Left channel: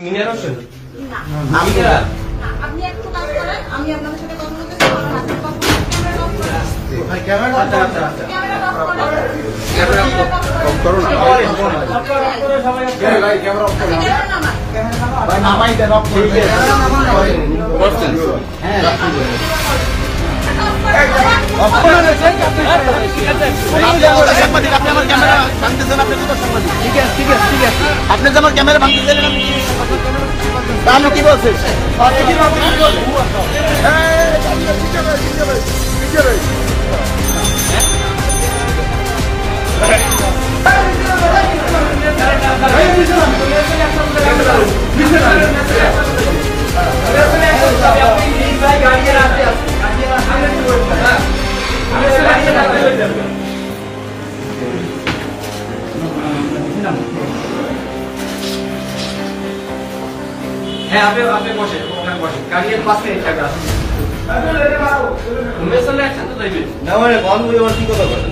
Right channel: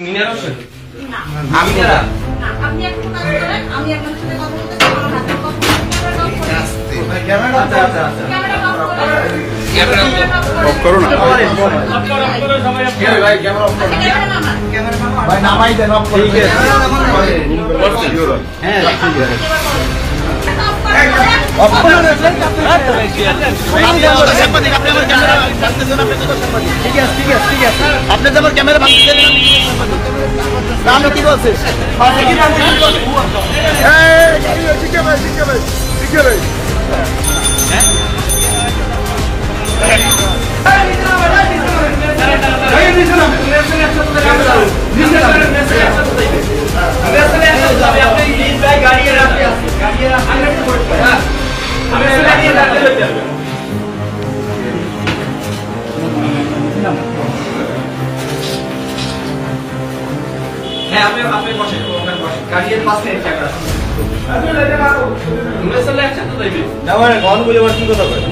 মিনার হোসেন না আমি না আপনি একটু কাজ করেন আমি একজনের সাথে কথা বলতে চাই আমার হাতে কথা ক্যামেরা অফ করো না সবাই কে ভাই ক্যামেরা অফ করো ক্যামেরা নামা ভাই নামাই দেন অফ ঠিক আছে হ্যাঁ অফ করো আপনি যেমন ক্যামেরা ভাঙতে কি বলছে হ্যাঁ আপনি বসেন ওখানে বসেন গাড়ির পাশে জায়গা আছে না মানে গন বুঝে আবার কি কথা কয়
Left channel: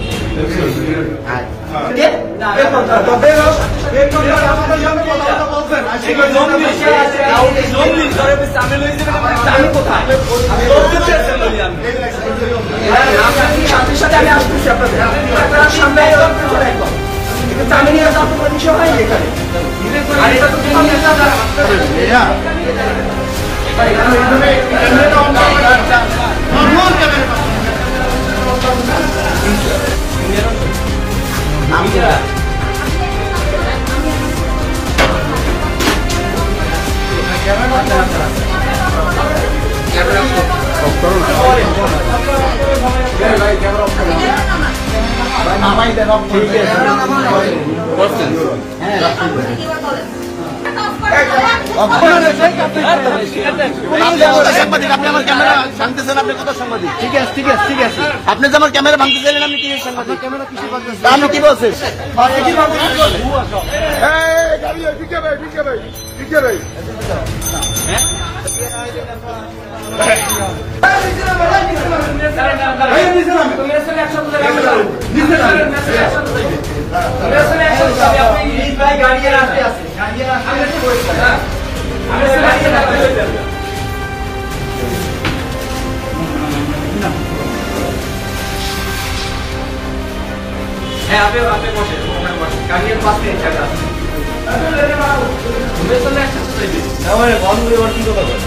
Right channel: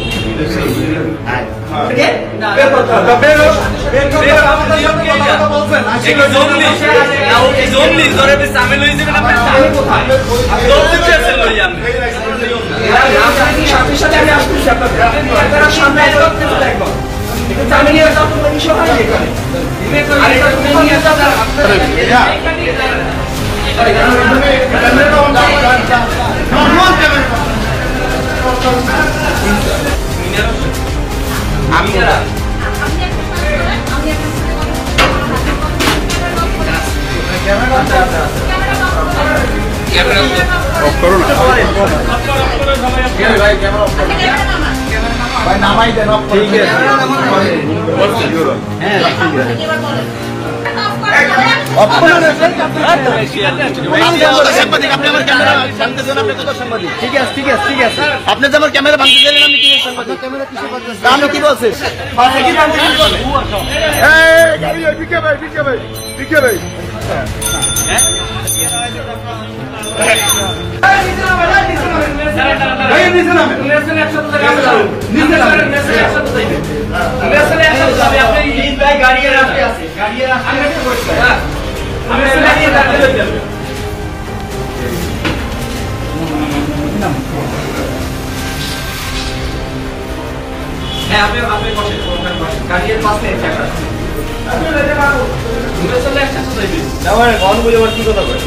আমি না অফ করো না কে ভাই ক্যামেরা অফ করো নামাই দেন অফ ঠিক আছে হ্যাঁ অফ করো আপনি আমার ক্যামেরা ভাঙতে ঠিক আছে আপনি যেমন ক্যামেরা ভাঙতে চাইলেন আমি কি ক্যামেরা কিছু করতেছি আমি কি বলছি হ্যাঁ আপনি বসেন ওখানে বসেন গাড়ির পাশে জায়গা আছে না মানে গন বুঝে আবার কি কথা কয়